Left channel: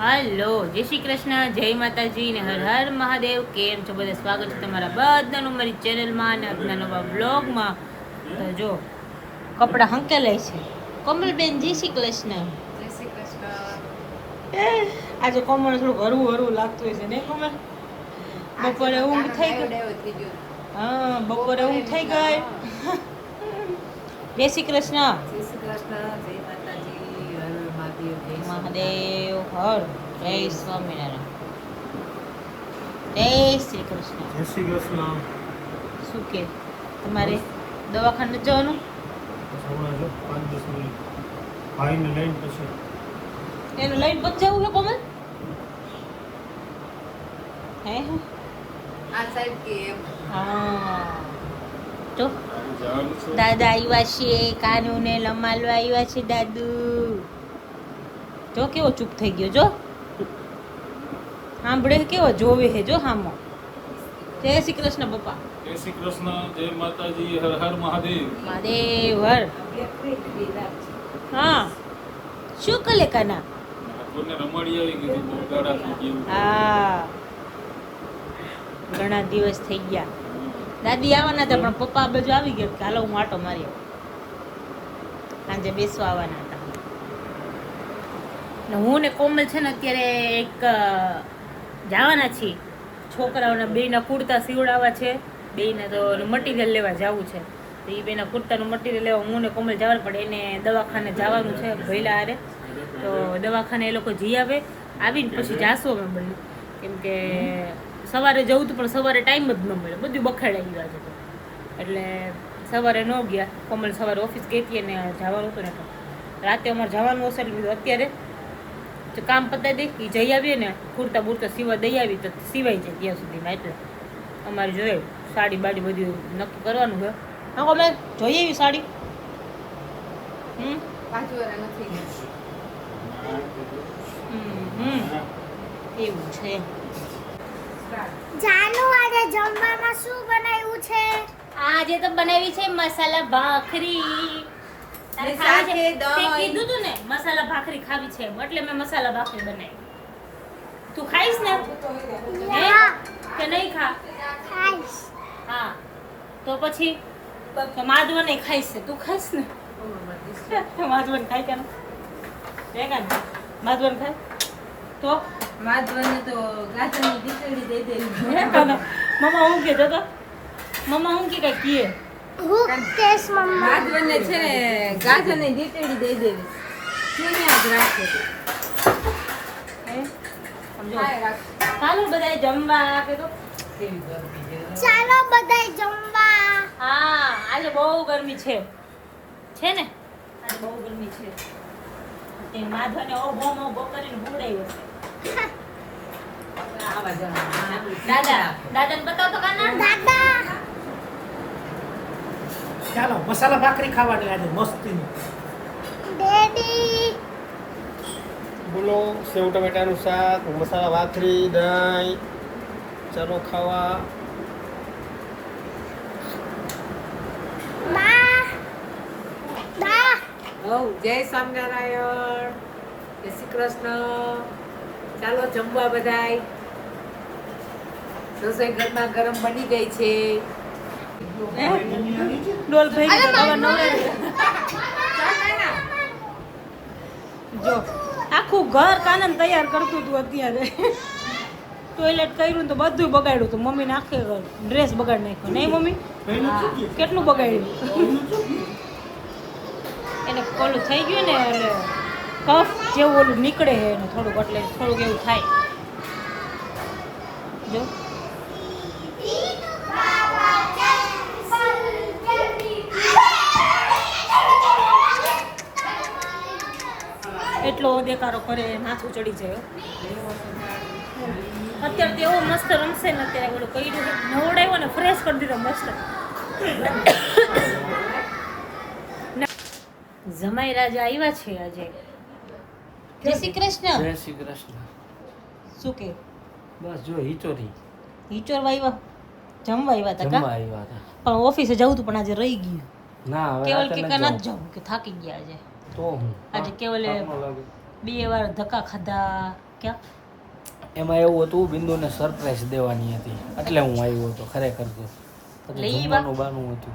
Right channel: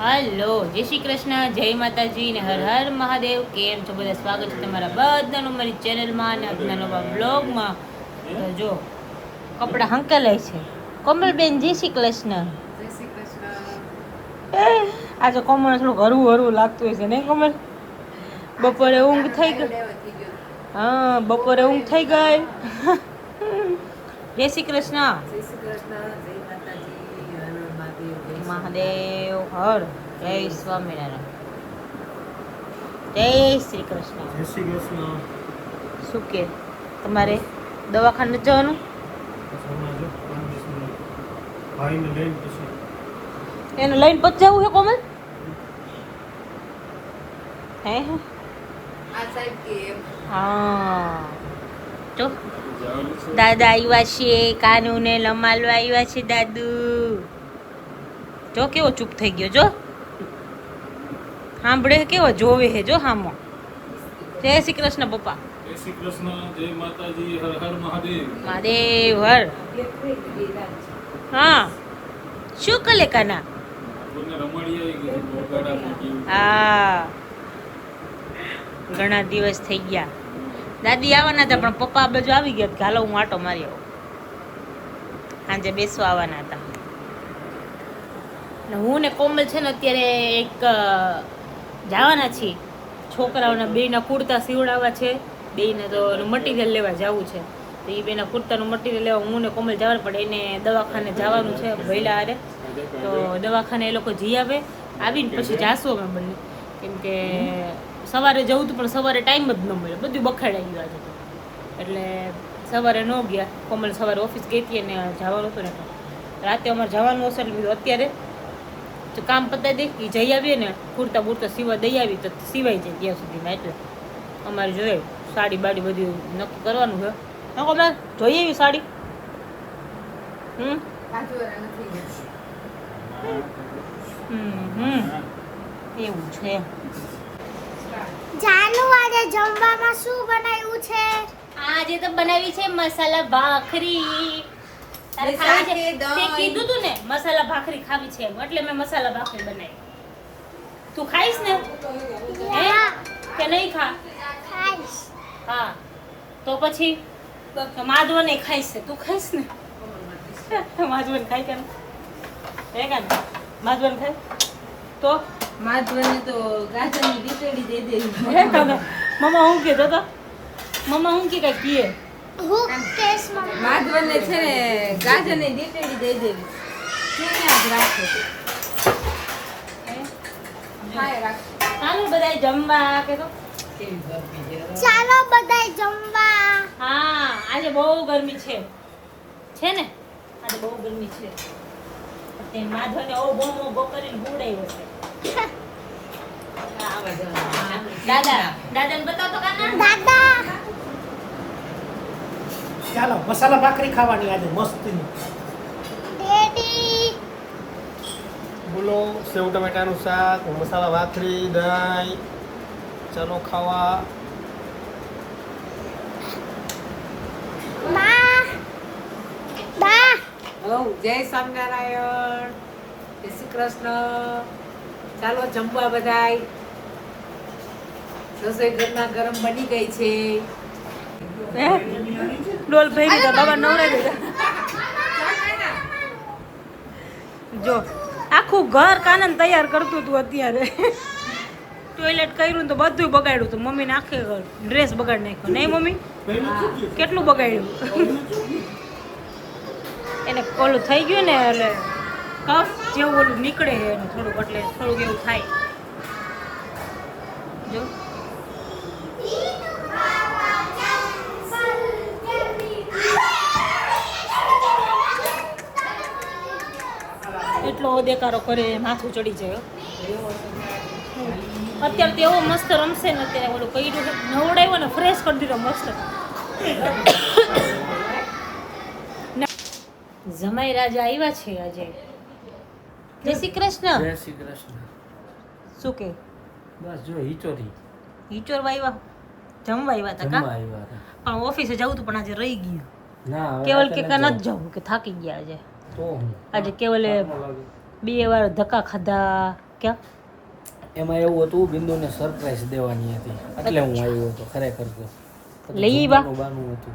હાલો, જય શ્રી કૃષ્ણ, જય માતાજી ને હર હર મહાદેવ. કેમ છો બધા? સ્વાગત છે તમારા બધાનું મારી ચેનલમાં અને આજના નવા બ્લોગમાં. તો જો કપડાં હંકેલાય છે. કોમલબેન જય શ્રી કૃષ્ણ. જય શ્રી કૃષ્ણ. આજે કોમલ થોડુંક હરવું હરવું લાગતું હોય છે ને કોમલ? બપોરે ઊંઘ થઈ ગઈ. હા, બપોરે ઊંઘ થઈ ગઈ. જય શ્રી કૃષ્ણ. જય શ્રી કૃષ્ણ. જય માતાજી. હર હર મહાદેવ. જય મહાદેવ હર. જય સ્વામિનારાયણ. જય શ્રી કૃષ્ણ. જય શ્રી કૃષ્ણ. શું કે તમારે દવાખાને જવાનું? હમણાં જો 5-10 મિનિટ ભાઈને લઈને પછી એને લઈને પછી જવું છે કોમલ? હે આ સાહેબ કે એમ હા. તો દાદા આવ્યા છે, કાનુ ને લમાલવા આવ્યા છે દાદુ. જો કેવો ચૂપ થઈ ગયો, જો સાંભળે કેવો જોવે હે, જો હામો. જય શ્રી કૃષ્ણ પપ્પા. જય શ્રી કૃષ્ણ. જય માતાજી. હર હર મહાદેવ. મહાદેવ હર. હા, શું કલે કાના? કોઈને રમણી આવી ગઈ બહુ ગાડા થઈ ગયું. હા, ઘણા દિવસ થઈ ગયા. દાદી આવવાના હતા પણ પપ્પા આ બાજુ આવી ગયા કે હાલો હું આટો મારી આવું. સાંજે બેસવા આવવાના હતા ને હું ને કોમલ છે ને અત્યારે એક જવાના છીએ. છોકરાઓના બેયના કુર્તા સીવડાવવા છે. બેયને તો મટીરિયલ લેવા જવું છે. તો એ બેના કુર્તાનું મટીરિયલ લેવા હું ને કોમલ જવાનું પડે. એને દવાખાને જવાનું છે ભૈલા હારે. તો દવાખાને એ લોકો જઈ આવે. આવીને પછી જાશું અમે બંને. કેમ કે સવારે જવું હતું પણ સવારે ટાઈમ જ ન મળે, બધું બખાડાઈ ગયું આજે તો. એટલે સવારે ન ગયા. કોમલ સવારે ઓફિસ ગઈ હતી અને જવાનું હતું ને તો રાતે અમારે જવાનું હશે એટલે બીજું અત્યારે કામ પતાવી દે એ જઈ આવીએ ને કુર્તા બુર્તા સીવા દઈ આવી તો સિવાય જાય ત્યાં સુધીમાં. એટલે અમારે જોઈએ સાડી બાડી બધું નક્કી કરવાનું છે. હા કોમલ જોઈએ એવી સાડી? કાજુવાળા નથી ગયા. એવું છે. જાનુ આજે જમવામાં શું બનાવ્યું છે? આજે તો બનાવી છે મસાલા ભાખરી. તારે ખાવી છે? તે કીધું તું ને મસાલા ભાખરી ખાવી છે એટલે મેં મસાલા ભાખરી બનાવી. તું ખાઈશ ને? હે કે નહીં ખા? ખાઈશ. હા તો પછી તો માધવને ખાઈશ છે. તું ખાઈશ ને? માધવન ખાય કે હે કે માધવન ખાય તો માધવને તો ગાજરની ડીસડી દઈ દેવી. હે કાને મમ્મા હું કહેતો તો મમ્મા હું કે કઈ કીએ હું કેસ મમ્મા માધવને છે ને ગાજરની ડીસડી દઈ દેવી. કેને આજ રાખે? હાય રાખે. ચાલો બધાય જમવા કે તો. ચાલો બધાય જમવા. હા આજે બહુ ગરમી છે ને? આજે બહુ ગરમી છે. તે માધવને ઓ બો કરીને હુડાયો છે. આવા જમવા. દાદાને બતાવતો કાના. દાદા ચાલો મસાલા ભાખરી ખાવાની આજે મસ્તી. ડેડી બોલો સેવ ટમેટાનું શાક, મસાલા ભાખરી, દહીં. ચાલો ખાવા. બા બા જય સ્વામિનારાયણ. જય શ્રી કૃષ્ણ. ચાલો જમવા બધાય. રસોઈ ગરમા ગરમ બની ગઈ છે. ડોલ ભઈ ગઈ તો દવા નવરાવી દીધા. જો આખું ઘર કાનન તૈયાર કરતું હતું અત્યારે. ટોયલેટ કર્યું ને તો બધું બગાડ્યું હતું. મમ્મીને આખે ડ્રેસ બગાડી નાખ્યો નહીં મમ્મી? કેટલું બગાડ્યું. એને ઓલું થઈ ગયું ને એટલે કફ જેવું ઓલું નીકળે છે એનું થોડુંક, એટલે થોડુંક એવું થાય. જો એટલો દેકારો કરે માથું ચડી જાય. અત્યારે તો એવો મસ્ત રમશે ને. અત્યારે ઓલું કર્યું છે નવડાવ્યો ને ફ્રેશ કરી દીધો મસ્ત. જમાઈ રાજા આવ્યા છે આજે. જય શ્રી કૃષ્ણ. જય શ્રી કૃષ્ણ. શું કે બસ જો હિચોરી હિચોર આવ્યા જમવા આવ્યા હતા જમવા કા? આવ્યા હતા. પણ ઓફિસે જવું હતું પણ આજે રહી ગયું. ના હવે કેવલ રાતે કે નથી નથી જવું કે થાકી ગયા આજે. તો હું આજે કેવલે થાક ન લાગે. 2 વાર ધક્કા ખાધા. ક્યાં એમાં એવું હતું બિંદુને સરપ્રાઈઝ દેવાની હતી એટલે હું આવ્યો હતો ખરેખર તો લઈ આવ્યા? જમવાનું બાનું હતું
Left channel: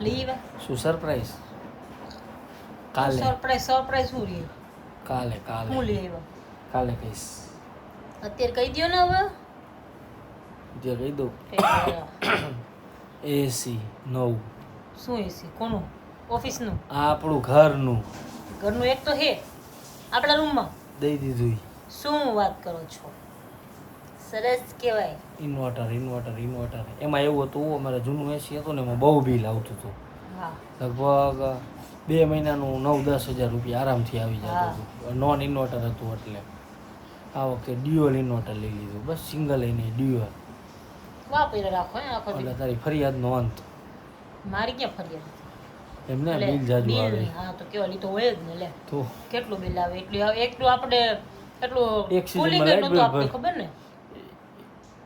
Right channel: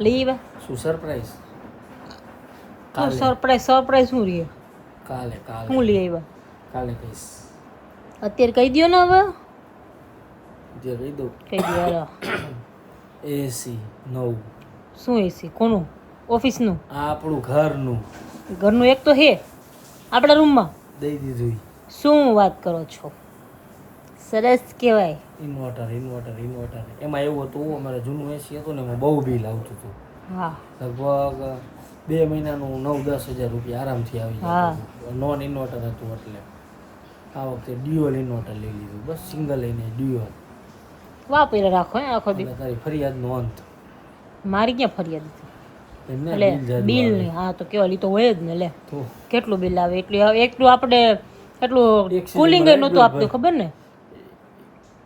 લઈ આવ્યા શું સરપ્રાઈઝ કાલે સરપ્રાઈઝ શું રહ્યો કાલે શું કાલે લઈ આવ્યા કાલે કહીશ અત્યારે કહી દો ને હવે જે કહી દઉં કહી દો એસી નવું શું એસી કોનું ઓફિસનું આ આપણું ઘરનું ઘરનું એક તો હે આપણા રૂમમાં દઈ દીધું શું વાત કરો છો સરસ કહેવાય ઇન્વર્ટર એમાં એવું હતું અમારે જૂનું એસી હતું ને એમાં બહુ બિલ આવતું હતું હા લગભગ 2 મહિનાનું 9-10 હજાર રૂપિયા આરામથી આવી હા. જતું હતું નોન ઇન્વર્ટર હતું એટલે આ વખતે ડ્યુઅલ ઇન્વર્ટર લઈ લીધું બસ સિંગલ લઈને ડ્યુઅલ વાપરે રાખો હે આખો એટલે દી તારી ફરિયાદનો અંત મારી ક્યાં ફરિયાદ હતી એમને એટલે બિલ જાજુ બિલ આવે નહીં હા તો કેવા લી તો હોય જ ને લે તો કેટલું બિલ આવે એટલું આપણે એટલું એક season કુલિંગ માં નહોતું light bill આપતું ભર. ખબર ને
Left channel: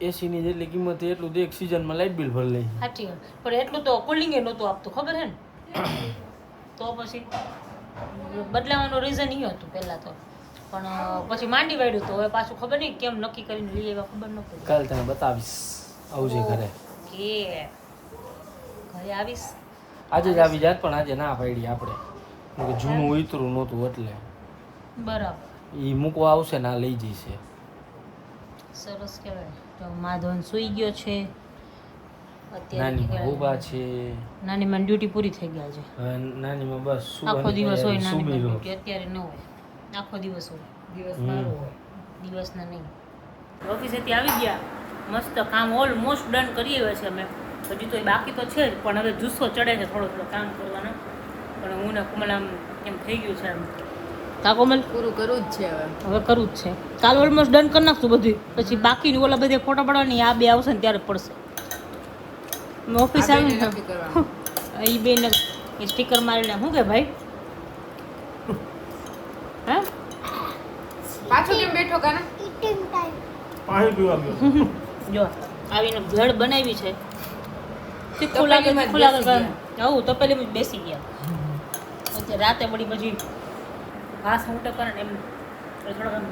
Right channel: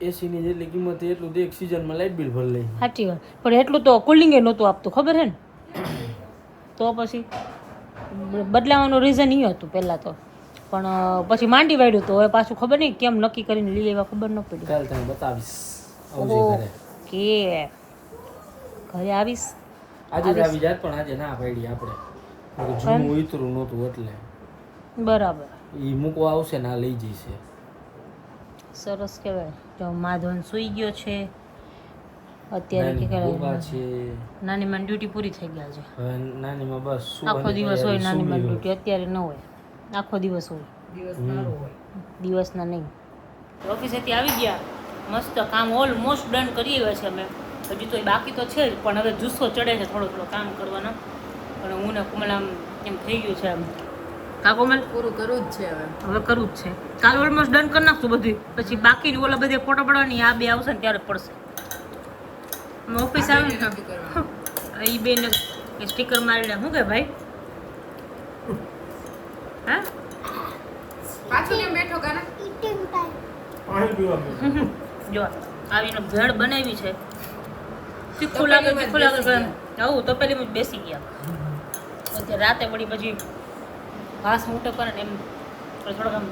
એસીની જેટલી કિંમત છે એટલું તો એક સિઝનમાં લાઇટ બિલ ભરી લઈ સાચી વાત પણ એટલું તો કુલિંગ નહોતું આપતું ખબર હે ને તો પછી બદલાવાનું રીઝન એ હતું પહેલાં તો પણ પછી માંડી વાળ્યું તો હવે પાછું ખબર નહીં કેમ નક્કી કરીને લઈ આવ્યા ખબર ન પડી કાલે તને બતાવીશ આવજે ઘરે કે ઘરે આવીશ આજે જ આવી જાત પણ આજે ના પાડી આપણે કેમ કે જૂનું ઉતરું નહોતું એટલે બરાબર એ મૂકવા આવશે ના લઈ જઈશે સરસ કહેવાય તો માધવન સૂઈ ગયો છે અત્યારે નાની નીકળે. ઉભા છે નાની માં ડ્યુટી પૂરી થઈ ગયા છે હવે નાનીમાં બસ આખો સુવાની દિવસ હોય નાની માં તૈયારી, ડ્યુટી અત્યારે ન હોય આખો દિવસ હોય દિવસના નહીં ઓફિસેથી આવી ગયા મસ્ત કામ ઓલમોસ્ટ ડન કરી આવ્યા છે અમે હજી તો બાકી તો છે જ પણ હવે જુસ્સો ચડે છે થોડો થોડો કામ કરવાનો પણ હું ને કોમલ આમ એમ થઈ ગયું છે એમ કા કોમલ પૂરું કરવું જ છે હવે હવે કરવું જ છે કાલ ઓલમોસ્ટ ડન કરી નાખશું બધું પછી બાકી ઓલા બધે ફોટા પાડવાની આ બે આવશે ને ત્યારે પડશે ઓફિસ આવે ને નક્કી કરવાનું. એ બેન સ્ટીકર મારીને શું કે ભાઈ હા પાછો કેમ બેઠો કાના ઈટિંગ ટાઈમ પાણી પીવા ગયો જો આવીને ભેળ બનાવી છે તીખું લાગે તીખું લાગે આવું તો પેલી જ બેસી ગયા પછી રાતે મળી પછી ઘાસ ઊંટે કરે ને એમ થોડોક આમ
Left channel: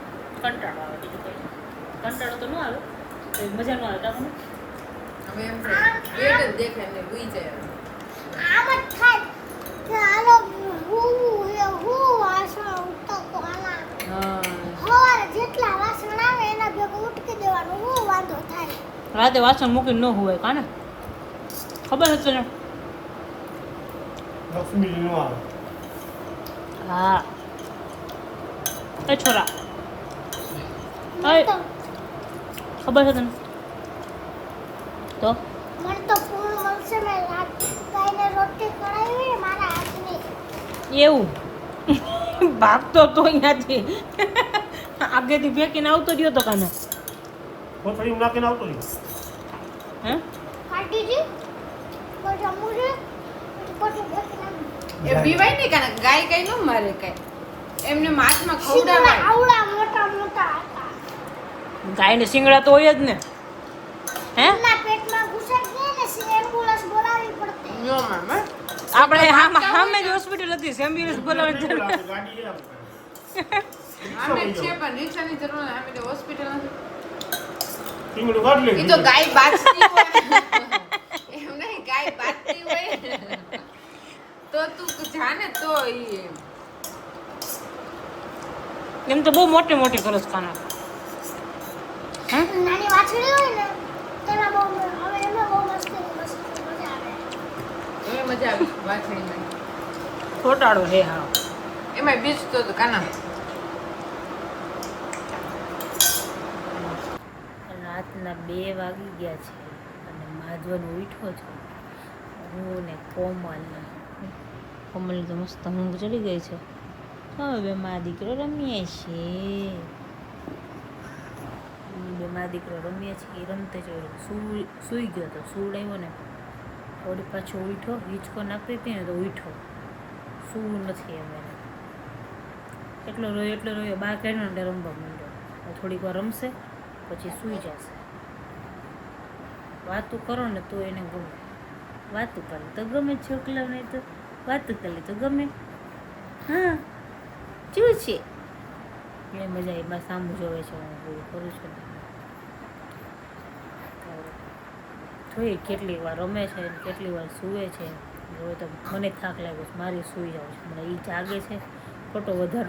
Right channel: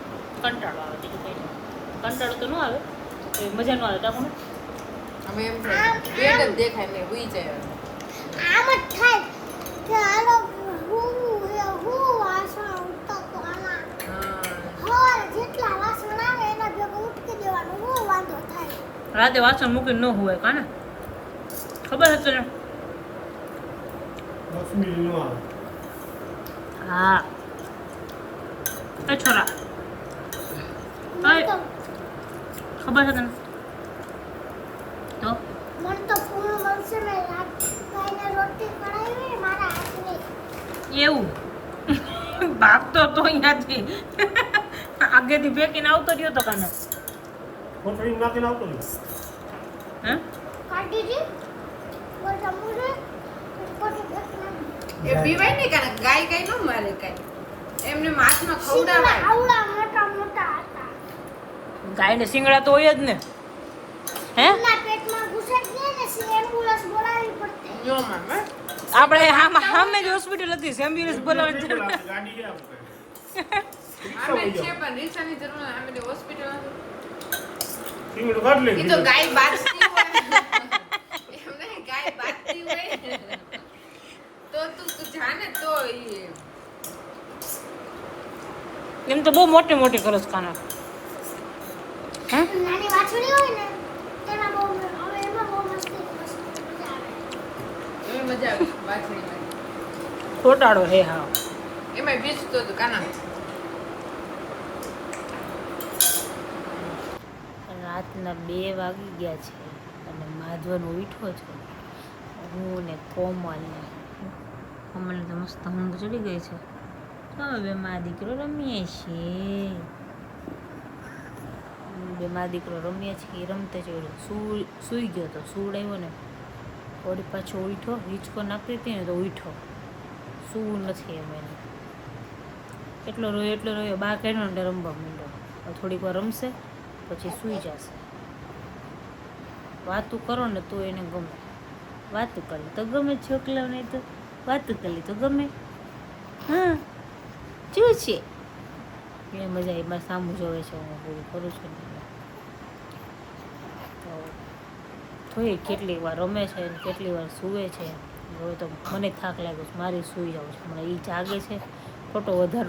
કંટાળો આવે બીજું કંઈ નહીં. કંટાળો તો ન આવે તો મજા ન આવે ટાકું હવે એમ થાય, પેટ જ દેખાય ને હુઈ જાય આમ જ થાય કે હાલો હું વાસણ ઉઠતો આલા હવારે જેટલા વાસણ આવે એના ભેગું ઉટકી દેવાનું હું વાંધો થાય રાતે વાસણ મૂકીને ન હોય કાને ખબર હશે ને લક્ષ્મી નો આવે હા એ છોરા મને તો ખબર છે તને તો મને તો પૂરું મળશે મેં રાત ગાયને રોટી કરાવી મારા હાથની એવું ભાગતો તો અહીંયાથી આગેથી ફેંકીને આવતો રહ્યો તો કાને કોથળીમાં નાખીને આવતો રહ્યો હે કાઢી દી બધા મુરે પછી બેસના એ પીવાય ને કાના ગાય કઈ ન મારે કઈ એમને માથમાં શીંગડા ખવડાવાય આવડા મોટા મોટા હતા ગાયને શિંગડા તો હોય જ ને હે એના પેટમાં ઘૂસાઈ ગયા ને એમ્બ્યુલન્સ બોલાવવી પડતી નો મામા આપણે સામે જ હોસ્પિટલ હતી એમ્બ્યુલન્સ બોલાવવાની જરૂર ગાડી લે આપણે. અમે છે પણ રિક્ષાની જરૂર નહીં અમે હોસ્પિટલ ટીંગડું કાઢ લે એ તો ગાય બાજતી હોય એમ નહીં ગાય બાજતી હોય તો તું જાને તો ઈ એમ તો બહુ મોટી મોટી કરો છો કાના હે નાની વાછડી હોય ને તેમાં બહુ હવે એમાં બહુ મસ્તી મજા આવે એવી મજા આવી વાછડીને છોટાડો હે હા એમાં બીજ તો કાના રાતના 2 વાગી ગયા છે અને માધવન ઉઠ્યો છે હું ને કોમલ તો મસ્ત ઊંઘ ચડી ગઈ છે હવે મા દીકરો રમીએ છીએ બે મા દીકરો રમીએ છીએ રમતે જોયું સૂઈ ગયો તો સુવડાવ્યો ને થોડી પાછો ઉઠ્યો હિંચકો નાખતી હતી ને તો ઉઠ્યો સૂવું નથી એમ એને એટલો રોયો બહાર કાઢ્યો ને રમવા માંડ્યો હવે થોડીક વાર રમશે પછી સૂઈ જશે વાતું કરો ને તો એને ગમે વાતું કરી તો ગમે છોકલા નહીં તો વાતું કરી તો ગમે હા શું છે એ મજા એમાં સામું જોવે છે હું પૂરું કરું છું ને તો જોઈએ કેટલી વાર રમે છે ને કેટલી વાર સૂવે છે. હવે તો મને થાક લાગ્યો છે, મારી સૂઈ જાઉં છે. મને એ જાગે છે ખોટો વધારે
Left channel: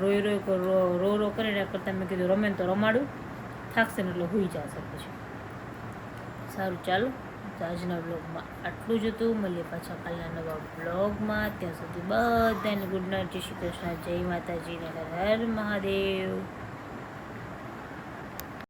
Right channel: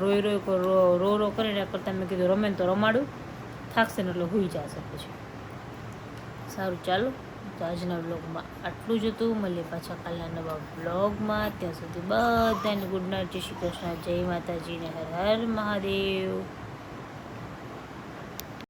રો કરે ને કરતાં મેં કીધું રમે ને તો રમાડું, થાકશે ને એટલે સૂઈ જશે પછી. સારું ચાલો, તો આજના બ્લોગમાં આટલું જ હતું. મળીએ પાછા કાલના નવા બ્લોગમાં. ત્યાં સુધી બધાને ગુડ નાઇટ, જય શ્રી કૃષ્ણ, જય માતાજી ને હર હર મહાદેવ.